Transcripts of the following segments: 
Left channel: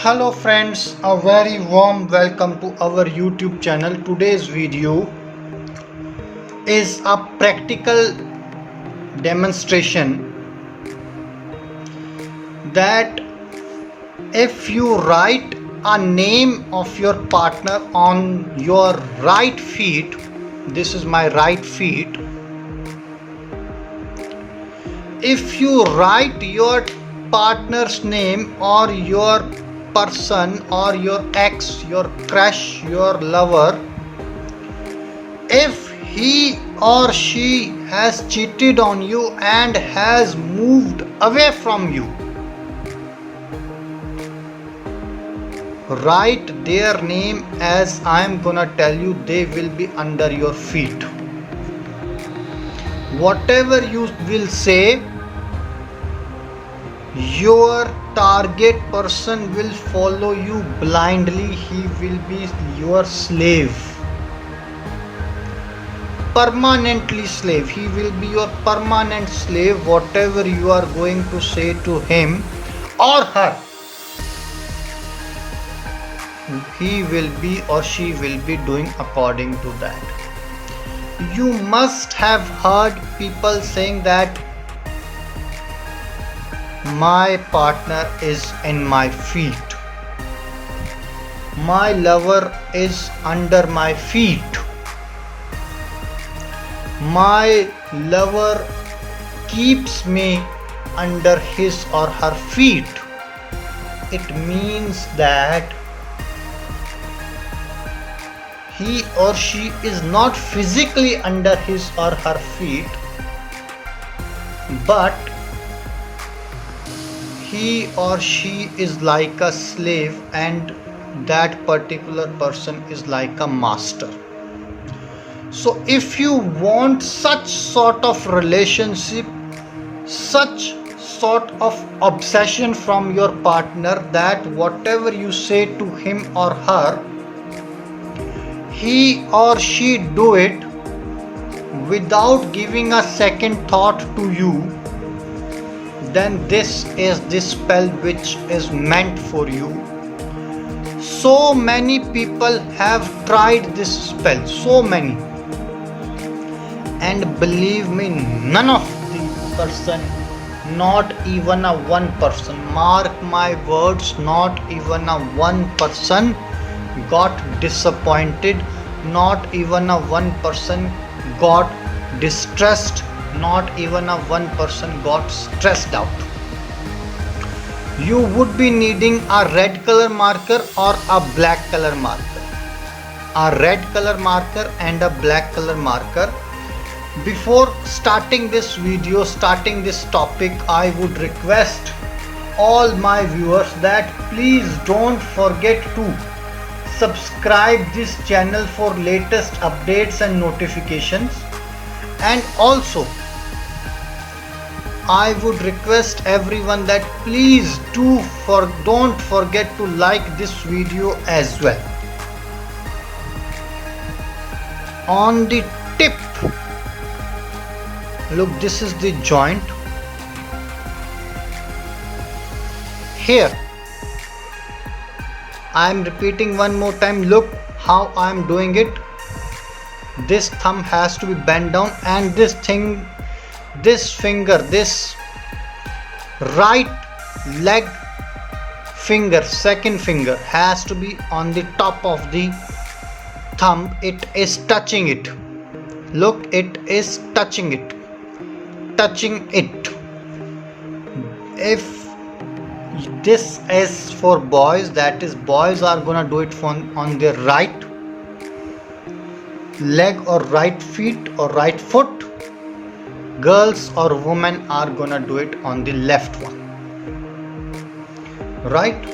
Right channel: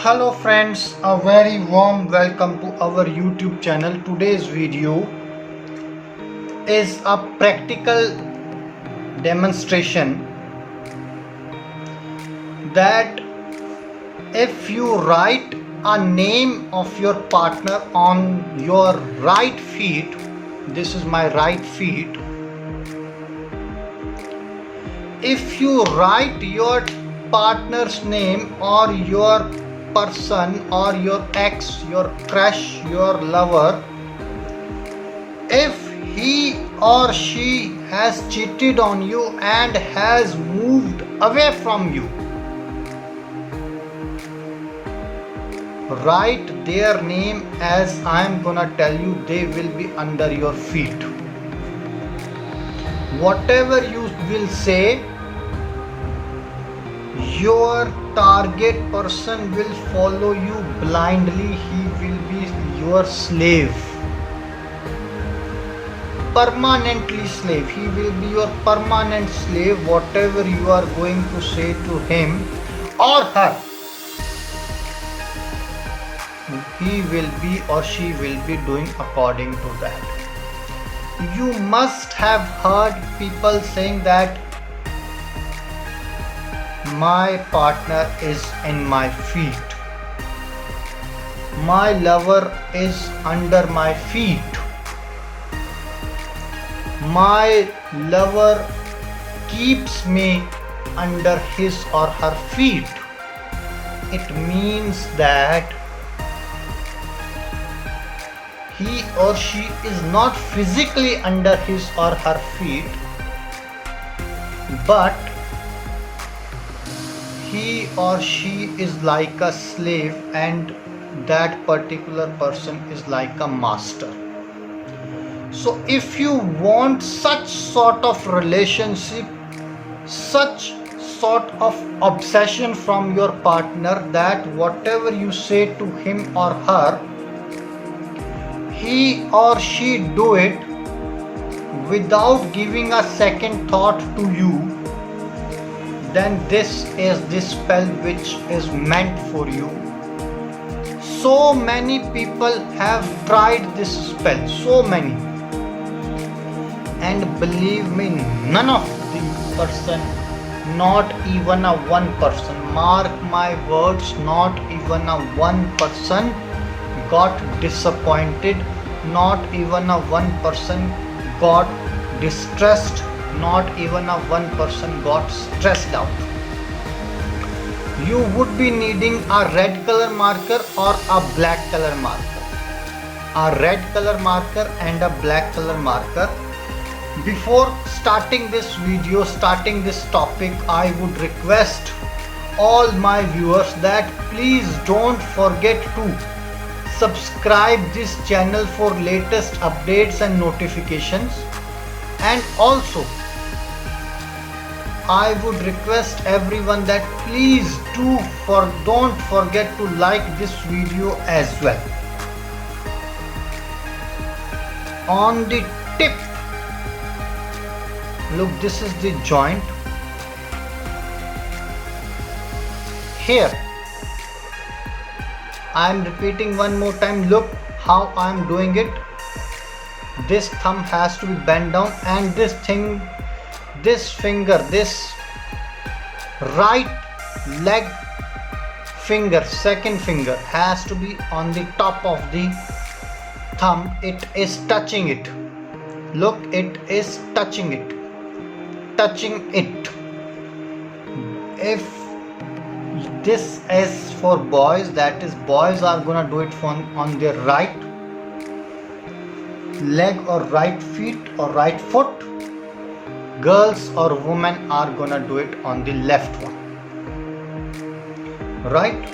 Hello friends, a very warm welcome to our YouTube channel. Today's video is a practical demonstration that if you write a name of your partner on your right feet, this is my right feet. If you write your partner's name or your person or your ex, your crush, your lover, if he or she has cheated on you and has moved away from you, write their name as I am gonna tell you. They will be under your feet. Whatever you will say, your target person will follow you blindly. He will be your slave, permanently slave. He will be your permanent slave. Whatever you are going to say to him or her, he will be or she will be doing according to that. You must have heard people saying that my partner is in my feet, my lover is under my feet, my lover keeps me under his or her feet. It means that he or she is not physically under his or her feet, but he or she is like a slave and that particular person is like a master. So if you want such sort of relationship, such sort of obsession from your partner, that whatever you say to him or her, he or she do it without giving a second thought to you, then this is the spell which is meant for you. So many people have tried this spell, so many, and believe me, none of the person, not even a one person, mark my words, not even a one person got disappointed, not even a one person got distressed, not even a one person got stressed out. You would be needing a red color marker or a black color marker. A red color marker and a black color marker. Before starting this video, starting this topic, I would request all my viewers that please don't forget to subscribe this channel for latest updates and notifications. And also I would request everyone that please don't forget to like this video as well. On the tip, look, this is the joint. Here, I am repeating one more time. Look how I am doing it. This thumb has to be bent down, and this finger, this right leg finger, second finger, has to be on the top of the thumb. It is touching it. Look, it is touching it. If this is for boys, that is, boys are gonna do it on their right leg or right feet or right foot. Girls or women are gonna do it on the left one. Right?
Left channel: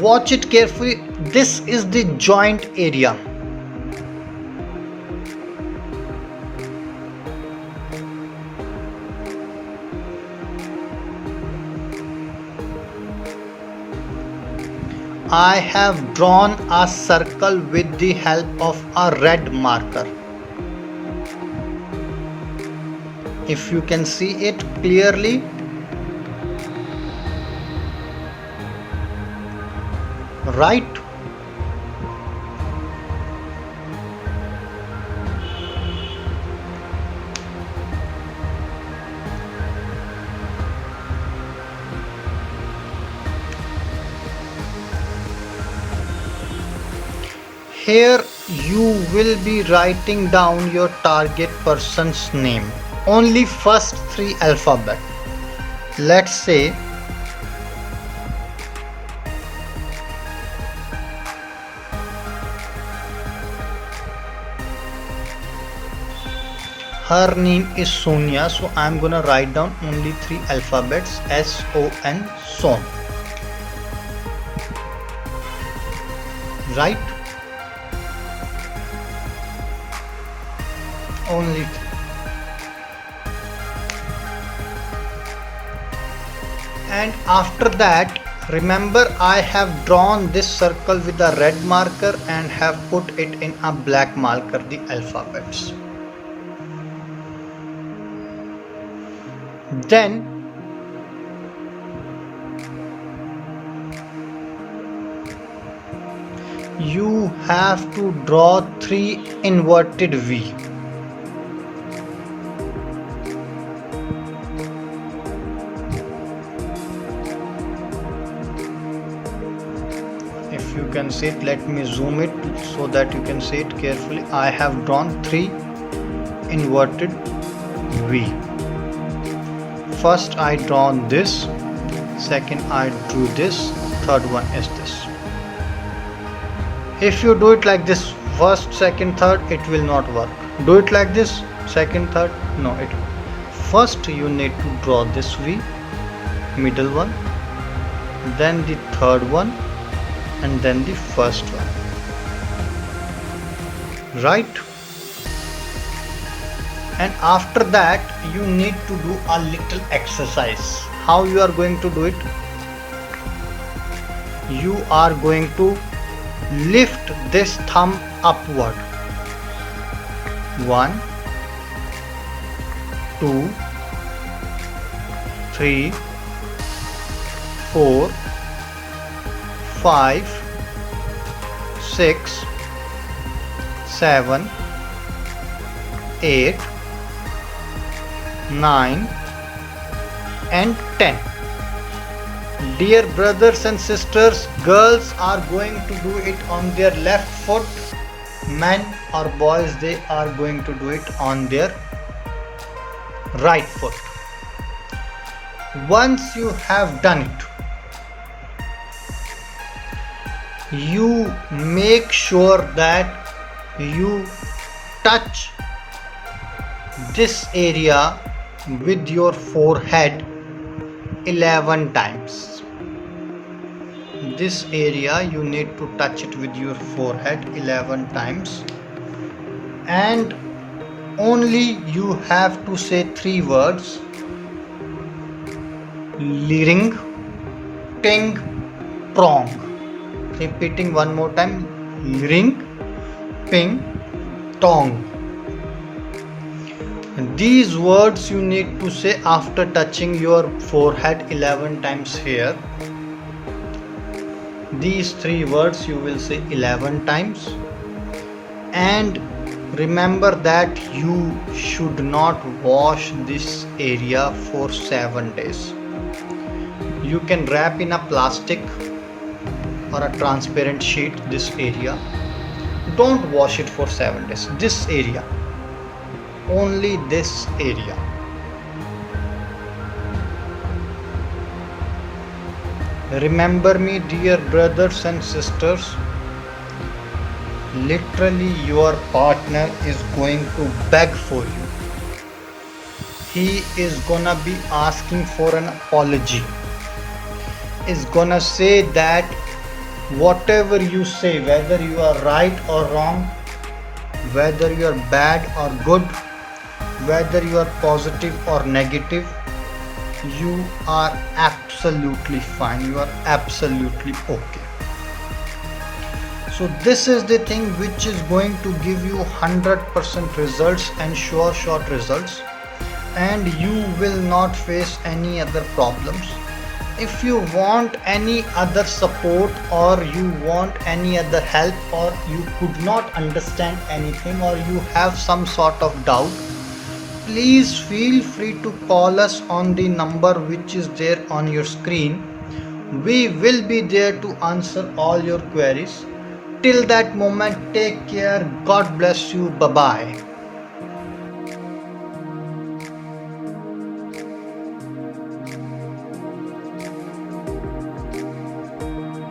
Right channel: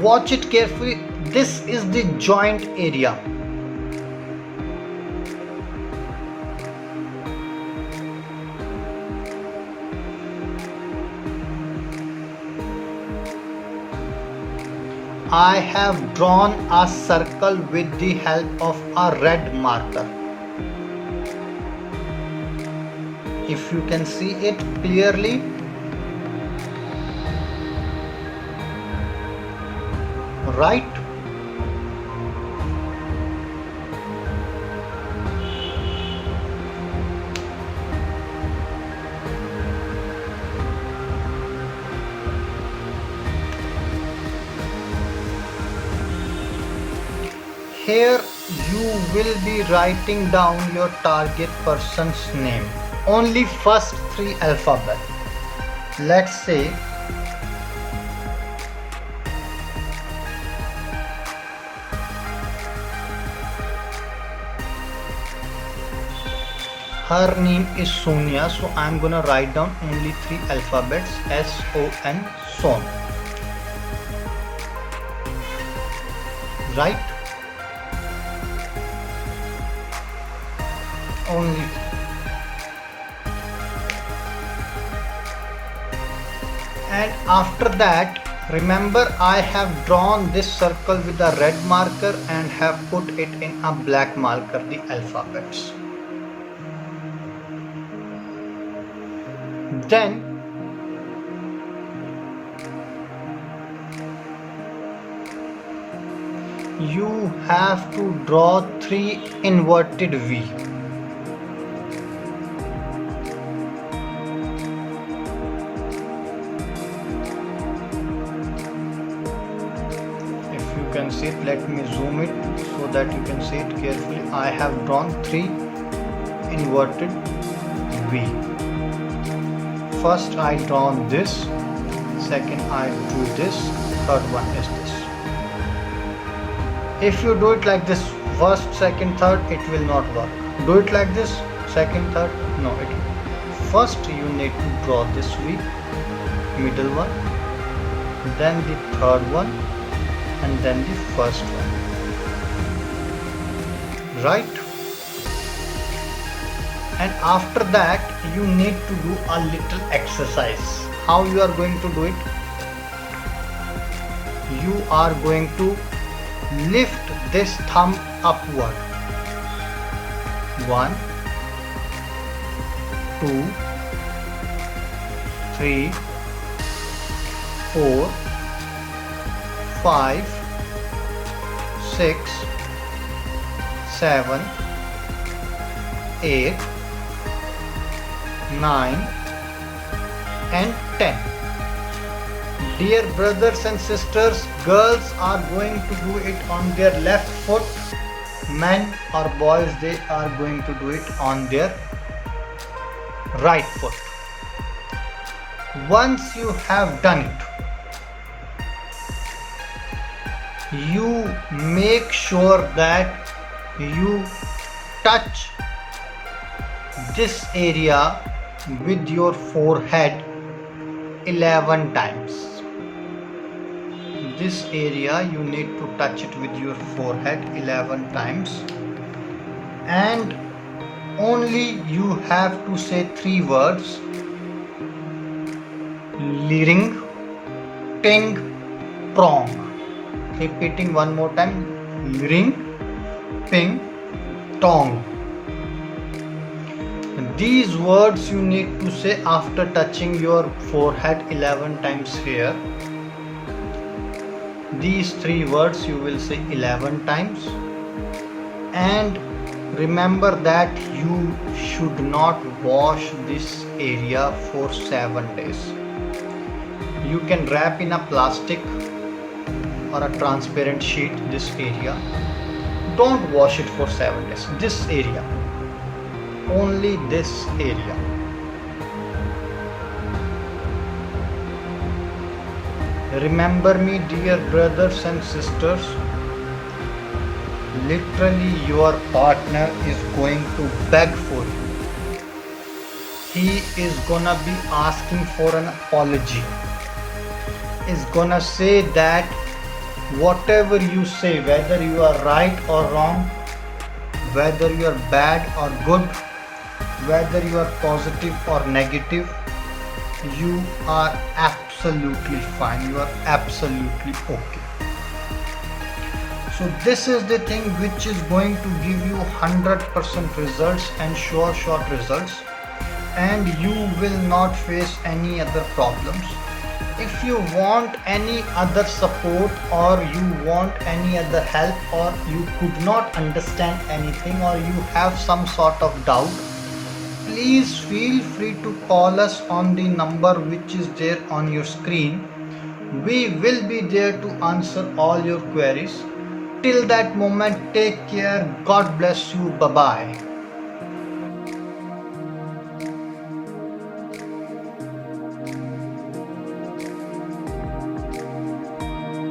Watch it carefully. This is the joint area. I have drawn a circle with the help of a red marker. If you can see it clearly, right? Here you will be writing down your target person's name. Only first three alphabet. Let's say her name is Sonia, so I'm gonna write down only three alphabets, S-O-N, Son. Right? Only. And after that, remember I have drawn this circle with a red marker and have put it in a black marker, the alphabets. Then you have to draw three inverted V. If you can see it, let me zoom it so that you can see it carefully. I have drawn three inverted V. First I drawn this, second I drew this, third one is this. If you do it like this, first, second, third, it will not work. Do it like this, second, third, no, it will. First you need to draw this V, middle one, then the third one, and then the first one. Right? And after that you need to do a little exercise. How you are going to do it? You are going to lift this thumb upward. 1, 2, 3, 4, 5, 6, 7, 8, 9 and 10. Dear brothers and sisters, girls are going to do it on their left foot. Men or boys, they are going to do it on their right foot. Once you have done it, you make sure that you touch this area with your forehead 11 times. This area you need to touch it with your forehead 11 times, and only you have to say three words: ling, ting, prong. Repeating one more time: ling, ping, tong. These words you need to say after touching your forehead 11 times here. These three words you will say 11 times, and remember that you should not wash this area for 7 days. You can wrap in a plastic or a transparent sheet this area. Don't wash it for 7 days. This area, only this area. Remember me, dear brothers and sisters, literally your partner is going to beg for you. He is gonna be asking for an apology. Is gonna say that whatever you say, whether you are right or wrong, whether you are bad or good, whether you are positive or negative, you are absolutely fine, you are absolutely okay. So this is the thing which is going to give you 100% results and short results, and you will not face any other problems. if you want any other support or you want any other help or you could not understand anything or you have some sort of doubt, please feel free to call us on the number which is there on your screen. We will be there to answer all your queries. Till that moment, take care. God bless you. Bye bye.